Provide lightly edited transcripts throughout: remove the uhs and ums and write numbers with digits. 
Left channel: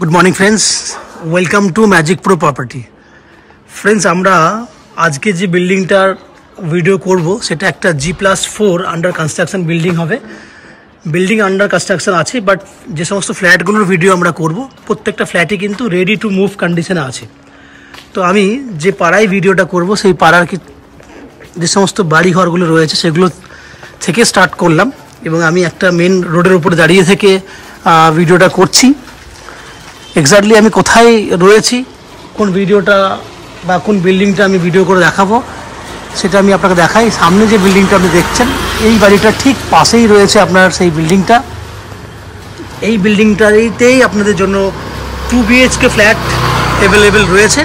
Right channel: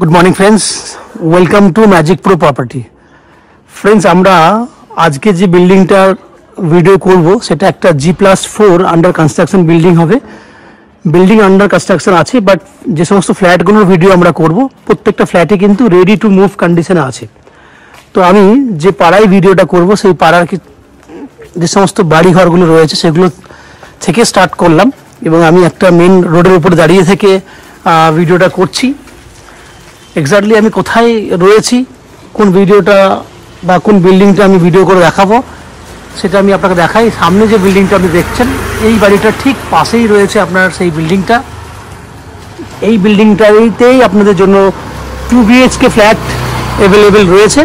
Good morning friends, welcome to magic pro property. Friends আমরা আজকে যে বিল্ডিংটার ভিডিও করব সেটা একটা G+4 আন্ডার কনস্ট্রাকশন বিল্ডিং হবে। বিল্ডিং আন্ডার কনস্ট্রাকশন আছে, বাট যে সমস্ত ফ্ল্যাটগুলোর ভিডিও আমরা করব প্রত্যেকটা ফ্ল্যাটে কিন্তু রেডি টু মুভ কন্ডিশনে আছে। তো আমি যে পাড়ায় ভিডিওটা করব সেই পাড়ার যে সমস্ত বাড়ি ঘরগুলো রয়েছে সেগুলো থেকে স্টার্ট করলাম এবং আমি একটা মেন রোডের উপর দাঁড়িয়ে থেকে ভিডিওটা করছি। এক্স্যাক্টলি আমি কোথায় রয়েছি, কোন ভিডিওটা বা কোন বিল্ডিংটা আমি ভিডিও করে দেখাবো সেটা আমি আপনাকে দেখাই। সামনে যে বিল্ডিংটা আপনি দেখছেন এই বাড়িটা ঠিক পাশেই রয়েছে আপনার সেই বিল্ডিংটা। এই বিল্ডিংটাতেই আপনাদের জন্য 2 BHK ফ্ল্যাট অ্যাভেলেবেল রয়েছে।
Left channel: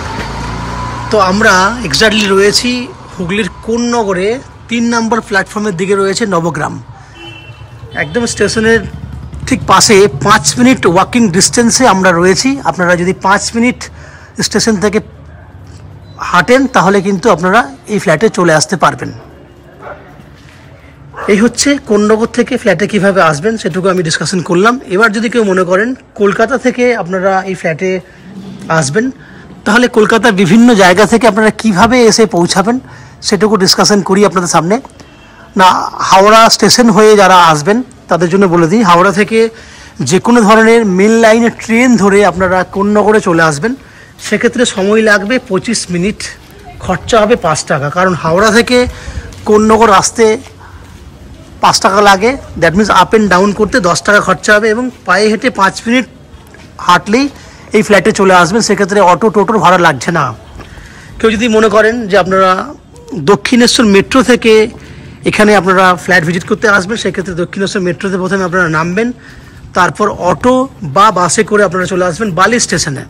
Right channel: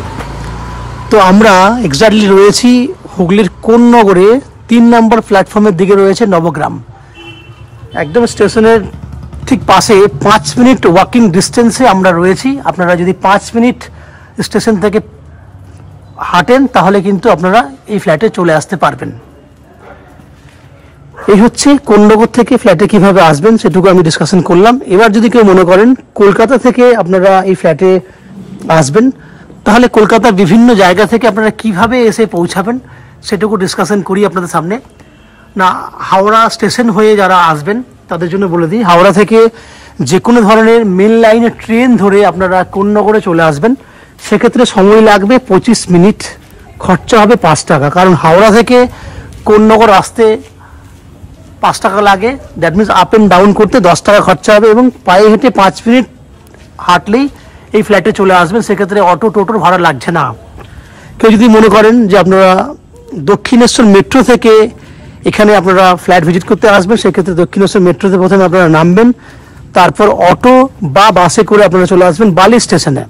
তো আমরা এক্স্যাক্টলি রয়েছি হুগলির কোন্নগরে 3 নম্বর প্ল্যাটফর্মের দিকে রয়েছে নবগ্রাম, একদম স্টেশনের ঠিক পাশে 5 মিনিট ওয়াকিং ডিস্টেন্সে আমরা রয়েছি। আপনারা যদি 5 মিনিট স্টেশন থেকে হাঁটেন তাহলে কিন্তু আপনারা এই ফ্ল্যাটে চলে আসতে পারবেন। এই হচ্ছে কোন্নগর থেকে ফ্ল্যাটে কিভাবে আসবেন সেটুকু আমি ডিসকাশন করলাম। এবার যদি কেউ মনে করেন কলকাতা থেকে আপনারা এই ফ্ল্যাটে আসবেন তাহলে কলকাতার বিভিন্ন জায়গা থেকে আপনারা কিভাবে এসে পৌঁছাবেন সেটুকু ডিসকাশন করি আপনাদের সামনে। না, হাওড়া স্টেশন হয়ে যারা আসবেন তাদের জন্য বলে দিই, হাওড়া থেকে যে কোনো ধরনের মেন লাইনে ট্রেন ধরে আপনারা কোন্নগরে চলে আসবেন। সেক্ষেত্রে সময় লাগবে 25 মিনিট, খরচা হবে 5 টাকা। কারণ হাওড়া থেকে কোন্নগর আসতে 5 টাকা লাগে, that means up and down করতে 10 টাকা খরচা হবে এবং পায়ে হেঁটে 5 মিনিট হাঁটলেই এই ফ্ল্যাটে চলে আসবেন। সেক্ষেত্রে অটো টোটোর ভাড়া লাগছে না। কেউ যদি মনে করেন যে আপনারা দক্ষিণেশ্বর মেট্রো থেকে এখানে আপনারা ফ্ল্যাট ভিজিট করতে আসবেন, সেক্ষেত্রে দক্ষিণেশ্বর মেট্রোতে প্রথমে আপনারা নামবেন, তারপর অটো বা বাসে করে আপনারা চলে আসবেন বালি স্টেশনে।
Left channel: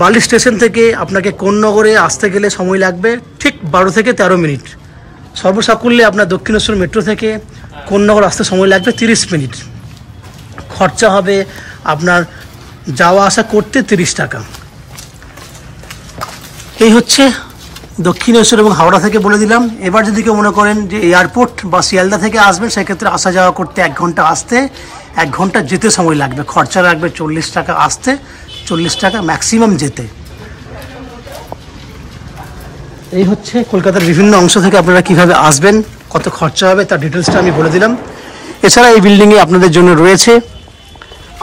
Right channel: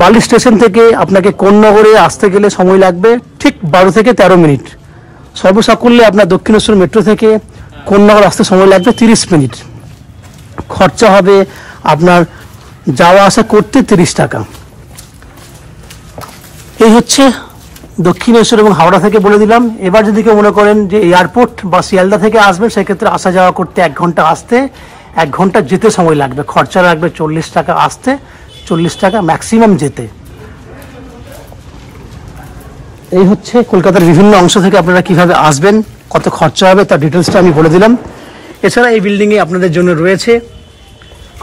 বালি স্টেশন থেকে আপনাকে কোন্নগরে আসতে গেলে সময় লাগবে ঠিক 12 থেকে 13 মিনিট। সর্বসাকুল্যে আপনার দক্ষিণেশ্বর মেট্রো থেকে কোন্নগর আসতে সময় লাগবে 30 মিনিট। খরচা হবে আপনার যাওয়া আসা করতে 30 টাকা। এই হচ্ছে দক্ষিণেশ্বর এবং হাওড়া থেকে বলে দিলাম। এবার যদি কেউ মনে করেন যে এয়ারপোর্ট বা শিয়ালদা থেকে আসবেন সেক্ষেত্রে আসা যাওয়া করতে 1 ঘন্টা আসতে, 1 ঘন্টা যেতে সময় লাগবে। খরচা লাগবে 40 টাকা আসতে, 40 টাকা ম্যাক্সিমাম যেতে। এই হচ্ছে কলকাতার বিভিন্ন অংশ থেকে আপনারা কিভাবে আসবেন, কত খরচা হবে তার ডিটেলসটা আমি বলে দিলাম। এছাড়া এই বিল্ডিংয়ে আপনাদের জন্য রয়েছে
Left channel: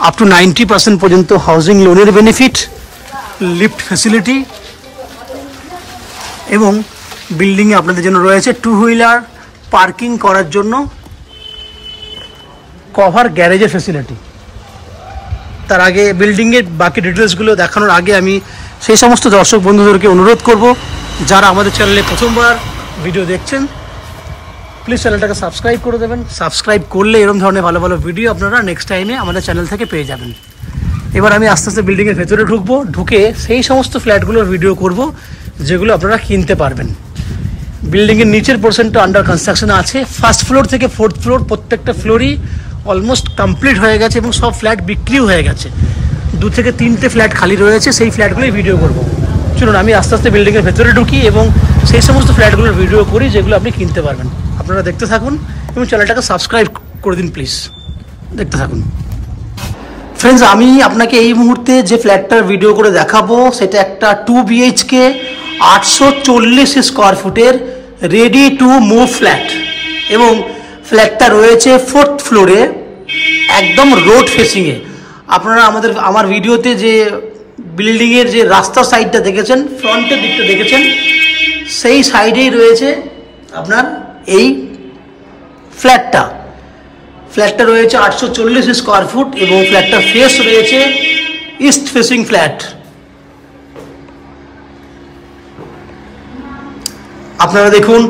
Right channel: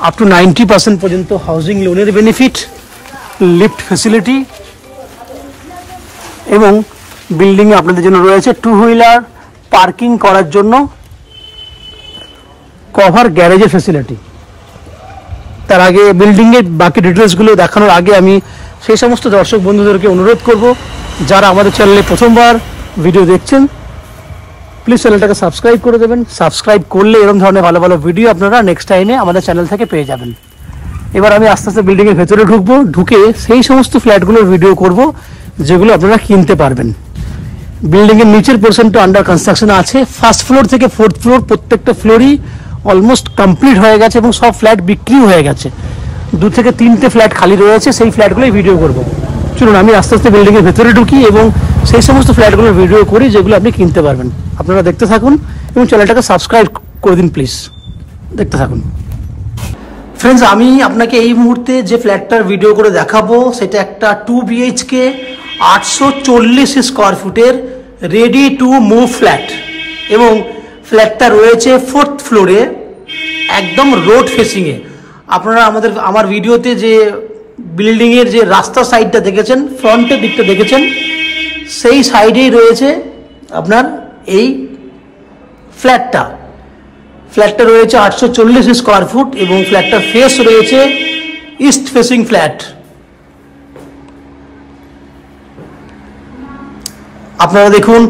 আপ টু 90% পর্যন্ত হাউজিং লোনের বেনিফিট, লিফট ফ্যাসিলিটি এবং বিল্ডিংয়ে আপনাদের জন্য রয়েছে 2 হুইলার পার্কিং করার জন্য কভার গ্যারেজের ফ্যাসিলিটি। তার আগে বিল্ডিংয়ের বাকি ডিটেলসগুলো দেখানোর আগে আমি সেই সমস্ত দর্শক বন্ধুদেরকে অনুরোধ করব যারা আমাদের চ্যানেলে প্রথমবার ভিডিও দেখছেন প্লিজ চ্যানেলটাকে সাবস্ক্রাইব করে দেবেন। সাবস্ক্রাইব করলে এরকম ধরনের ভালো ভালো ভিডিও আপনারা নেক্সট টাইমে আমাদের চ্যানেল থেকে পেয়ে যাবেন। এবার আমি আস্তে আস্তে বিল্ডিংয়ের ভেতরে ঢুকবো, ঢুকে সেই সমস্ত ফ্ল্যাটগুলোর ভিডিও করব যেগুলো আপনারা কিনতে পারবেন। বিল্ডিংয়ের নিচের পোর্শনটা আন্ডার কনস্ট্রাকশন আছে। ফার্স্ট ফ্লোর থেকে 4th ফ্লোর প্রত্যেকটা ফ্লোরই অলমোস্ট কমপ্লিট হয়ে গেছে এবং সব ফ্ল্যাট বিক্রিও হয়ে গেছে। 2 থেকে 3টে ফ্ল্যাট খালি রয়েছে, সেই ফ্ল্যাটগুলোই ভিডিও করবো। চলুন আমি আস্তে আস্তে বিল্ডিংয়ের ভেতরে ঢুকি এবং সেই সমস্ত ফ্ল্যাটগুলোর ভিডিও করি যেগুলো আপনি কিনতে পারবেন। আপনারা দেখতে থাকুন এবং চ্যানেলটাকে সাবস্ক্রাইব করে দিন প্লিজ, দেখতে থাকুন। ফ্রেন্ডস, আমি আপনাকে এই মুহূর্তে যে ফ্ল্যাটটার ভিডিও করে দেখাবো সেটা একটা 2 BHK 840 স্কোয়ার ফুটের রেডি টু মুভ ফ্ল্যাট এবং ফ্ল্যাটটা রয়েছে 4th ফ্লোরে, একদম রোড ফেসিংয়ে। আপনারা আমার ভিডিওতে যে বিল্ডিংয়ের যে রাস্তার সাইডটা দেখেছেন, ফ্রন্টের দিকটা দেখেছেন, সেই সাইডেই রয়েছে আপনার এই ফ্ল্যাটটা। ফ্ল্যাটটা রয়েছে 840 স্কোয়ার ফুট এবং ফ্ল্যাটটার ফেস রয়েছে ইস্ট ফেসিং ফ্ল্যাট। আপনারা দেখুন,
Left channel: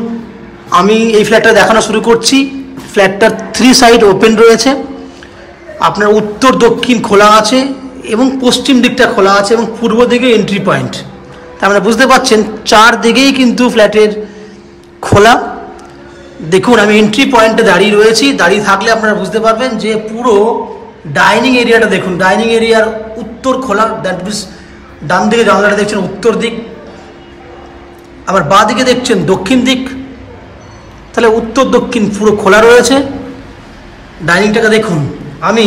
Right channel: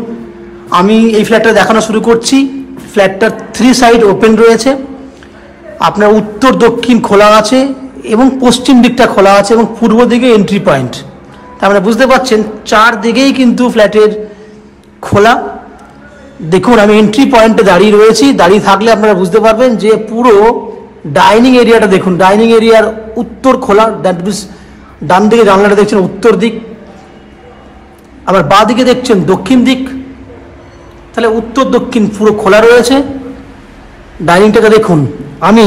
আমি এই ফ্ল্যাটটা দেখানো শুরু করছি। ফ্ল্যাটটার 3 সাইড ওপেন রয়েছে। আপনার উত্তর দক্ষিণ খোলা আছে এবং পশ্চিম দিকটা খোলা আছে এবং পূর্ব দিকে এন্ট্রি পয়েন্ট। তার মানে বুঝতে পারছেন 4 দিকেই কিন্তু ফ্ল্যাটের খোলা। দেখুন, আমি এন্ট্রি পয়েন্টে দাঁড়িয়ে রয়েছি। দাঁড়িয়ে থাকলে আপনারা বুঝতে পারবেন যে পুরো ডাইনিং এরিয়াটা দেখুন। ডাইনিং এরিয়ার উত্তর খোলা, দ্যাট মিনস ডান দিকে জানলাটা দেখছেন উত্তর দিক, আবার বাঁ দিকে দেখছেন দক্ষিণ দিক। তাহলে উত্তর দক্ষিণ পুরো খোলা রয়েছে। ডাইনিংটাকে দেখুন, আমি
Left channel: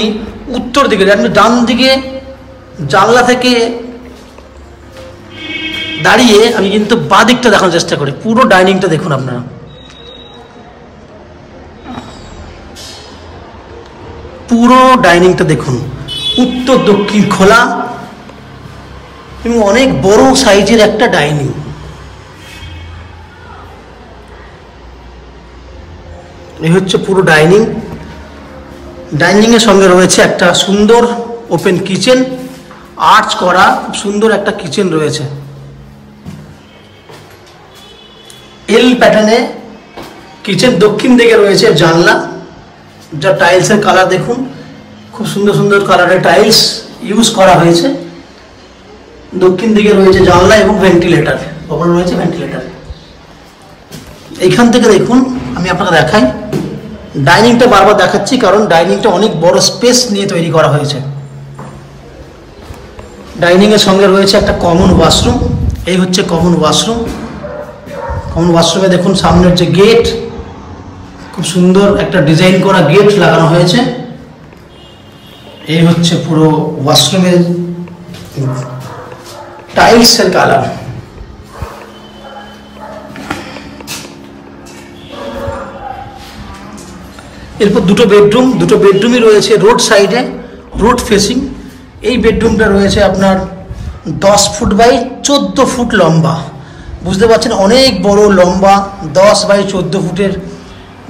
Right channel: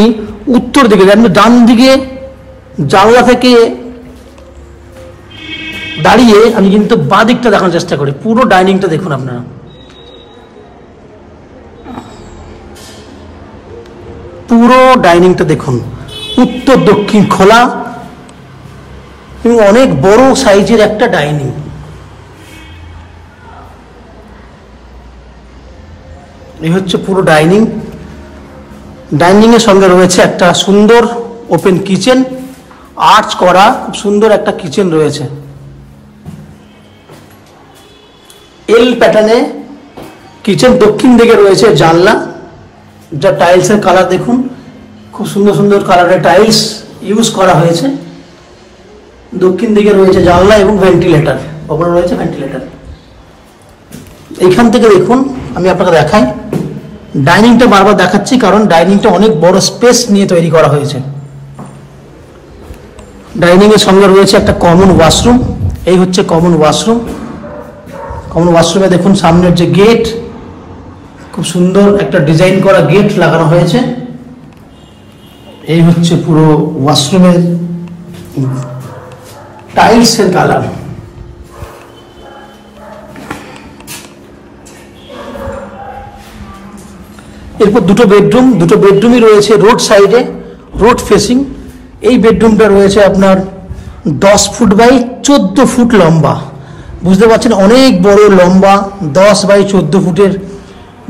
উত্তর দিকে ডান দিকে জানলা থেকে দাঁড়িয়ে আমি কিন্তু বাঁ দিকটা দেখানোর চেষ্টা করি। পুরো ডাইনিংটা দেখুন আপনারা, পুরো ডাইনিংটা দেখুন, উত্তর দক্ষিণ খোলা এবং অনেক বড় সাইজের একটা ডাইনিং। এই হচ্ছে পুরো ডাইনিং। ডাইনিং এর সঙ্গে রয়েছে একটা সুন্দর ওপেন কিচেন, আর্চ করা সুন্দর একটা কিচেন রয়েছে। এল প্যাটার্নে কিচেন, দক্ষিণ দিকে রয়েছে জানলা, যা টাইলসের কালার দেখুন, খুব সুন্দর সুন্দর কালারের টাইলস ইউজ করা হয়েছে। দক্ষিণ দিকে রয়েছে জানলা এবং ভেন্টিলেটর, ওপরে রয়েছে ভেন্টিলেটর। এইখান থেকে দেখুন, আমি আপনাকে দেখাই, ডাইনিংটা বারবার দেখাচ্ছি কারণ ডাইনিংটা অনেক বড় স্পেস নিয়ে তৈরি করা হয়েছে। ডাইনিং এর সঙ্গে রয়েছে একটা কমন ওয়াশরুম। এই হচ্ছে কমন ওয়াশরুম। কমন ওয়াশরুমে দেখুন সামনের যে গেট, খুব সুন্দর একটা ডিজাইন করা গেট লাগানো হয়েছে। এই হচ্ছে পুরো ওয়াশরুমের টাইলসের কালার। এরপর দুটো বেডরুমই রয়েছে রোড সাইডে, রোড ফেসিং। এই বেডরুমটা রয়েছে আপনার 10 ফুট বাই 14 ফুট লম্বা। বুঝতে পারছেন অনেক বড় লম্বা, 10 বাই 14 ফুটের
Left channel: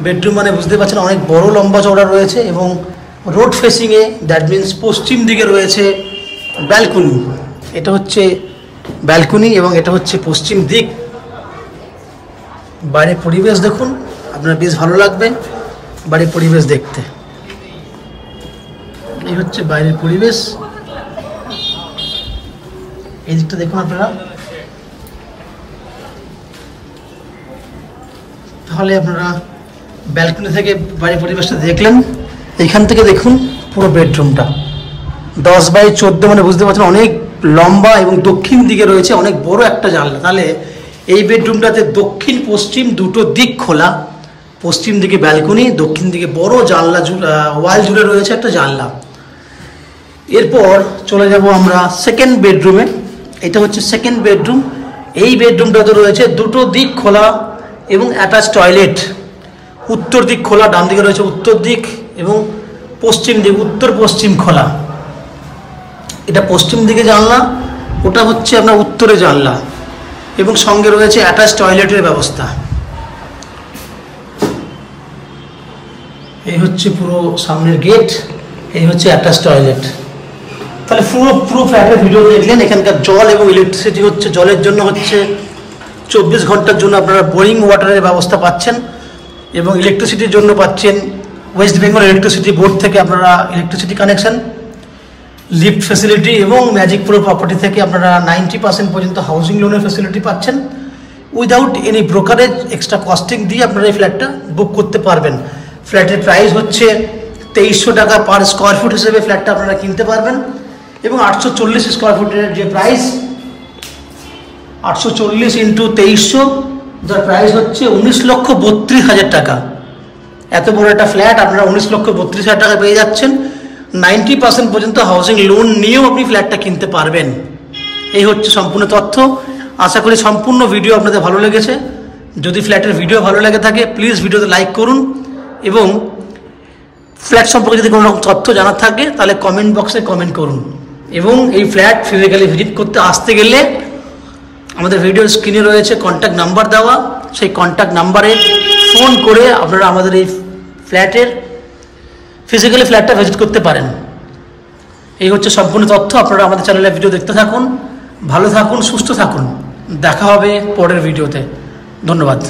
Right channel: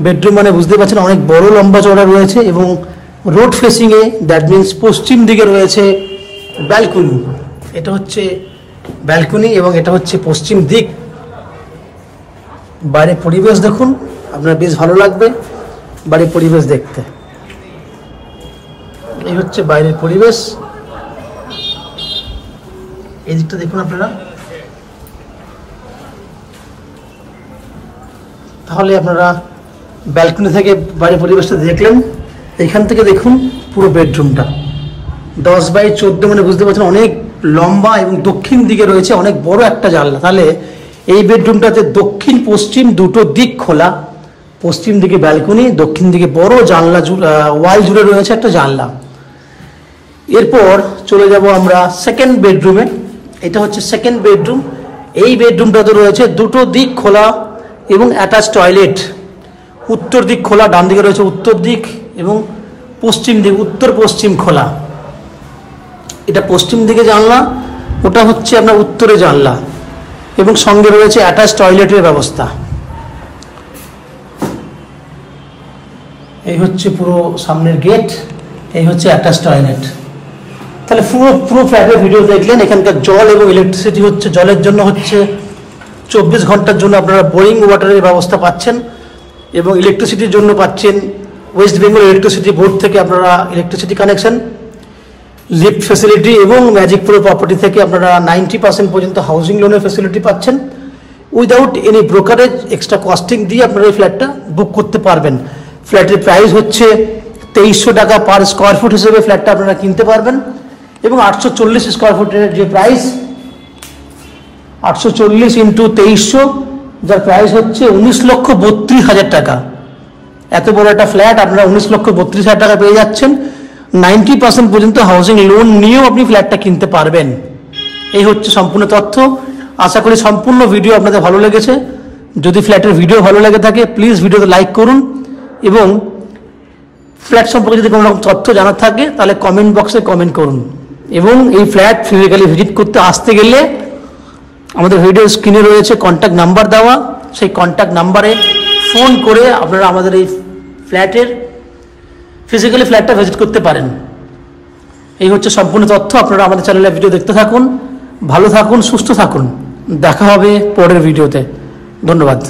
বেডরুম মানে বুঝতে পারছেন অনেক বড় লম্বা চওড়া রয়েছে। এবং road facing A, that means পশ্চিম দিকে রয়েছে ব্যালকনি। এটা হচ্ছে ব্যালকনি এবং এটা হচ্ছে পশ্চিম দিক। বাইরের পরিবেশ দেখুন, আপনার বেশ ভালো লাগবে বাইরের পরিবেশ দেখতে। এই হচ্ছে বাইরের পরিবেশ। এই দিকটা দেখুন আপনারা, তাহলে আপনারা ব্যালকনি থেকে বাইরের পরিবেশটা দেখলেন। এখান থেকে দেখুন পুরো বেডরুমটা 10 বাই 14 মানে বুঝতে পারছেন অনেক লম্বা এবং দক্ষিণ দিকে রয়েছে অনেক বড় একটা জানলা। তাহলে এই বেডরুমটাতে দক্ষিণ পশ্চিম দুটো দিক খোলা, পশ্চিম দিকে ব্যালকনি, দক্ষিণ দিকে বড় জানলা, ওয়াল জুড়ে রয়েছে একটা জানলা। এরপর চলে যাব আমরা সেকেন্ড বেডরুমে। এটা হচ্ছে সেকেন্ড বেডরুম। এই বেডরুমটাতে রয়েছে দুটো দিক খোলা এবং অ্যাটাচ টয়লেট। উত্তর দিক খোলা, ডান দিকে রয়েছে উত্তর দিক এবং পশ্চিম দিক, উত্তর পশ্চিম খোলা। এটা পশ্চিম দিকে জানলা, ওটা হচ্ছে আপনার উত্তরে জানলা এবং সঙ্গে রয়েছে অ্যাটাচ টয়লেটের ব্যবস্থা। এই হচ্ছে পুরো সামনের গেট, এই হচ্ছে অ্যাটাচ টয়লেট। তাহলে পুরো ফ্ল্যাটের ভিডিও দেখলেন। এখানকার জল এবং ইলেকট্রিসিটি হচ্ছে, জলের জন্য হচ্ছে 24 ঘন্টার জন্য আপনারা বোরিং ওয়াটারের ব্যবস্থা পাচ্ছেন এবং ইলেকট্রিসিটির জন্য পাচ্ছেন ওয়েস্ট বেঙ্গল ইলেকট্রিসিটি বোর্ড থেকে আপনারা ইলেকট্রিসিটি কানেকশন, লিফট ফ্যাসিলিটি এবং ম্যাজিক প্রো প্রপার্টি থেকে আপনারা 90% পর্যন্ত হাউজিং লোনের ফ্যাসিলিটি পাচ্ছেন। Without any brokerage, extra costing দিয়ে আপনারা এই ফ্ল্যাটটা বুক করতে পারবেন। ফ্ল্যাটের প্রাইস হচ্ছে 2300 টাকা পার স্কোয়ার ফুট হিসেবে ফ্ল্যাটটা আপনারা কিনতে পারবেন এবং 840 স্কোয়ার ফুটের যে প্রাইস, 840 ইন্টু 2300, যার প্রাইস হচ্ছে 19,32,000 টাকা। এত বড় একটা ফ্ল্যাট আপনারা 19,32,000 টাকা পেয়ে যাচ্ছেন। 90% পর্যন্ত হাউজিং লোন নিয়েও আপনি ফ্ল্যাটটা কিনতে পারবেন। এই হচ্ছে সম্পূর্ণ তথ্য। আশা করি সম্পূর্ণ ভিডিও আপনাদের ভালো লেগেছে। যদি ফ্ল্যাটের ভিডিও ভালো লেগে থাকে প্লিজ ভিডিওতে লাইক করুন এবং ফ্ল্যাট সম্পর্কে যদি কোনো রকম তথ্য জানার থাকে তাহলে কমেন্ট বক্সে কমেন্ট করুন। এবং এই ফ্ল্যাট ফিজিক্যালি ভিজিট করতে আসতে গেলে আমাদের ভিডিও স্ক্রিনে রয়েছে কন্ট্যাক্ট নাম্বার দেওয়া, সেই কন্ট্যাক্ট নাম্বারে ফোন করে আপনারা আমাদের এই ফ্ল্যাটের ফিজিক্যালি ফ্ল্যাটটা ভিজিট করতে পারেন। এই হচ্ছে সম্পূর্ণ তথ্য। আপনারা আমাদের চ্যানেলে ভিডিও দেখতে থাকুন, ভালো থাকুন, সুস্থ থাকুন। দেখা হবে পরের ভিডিওতে। ধন্যবাদ।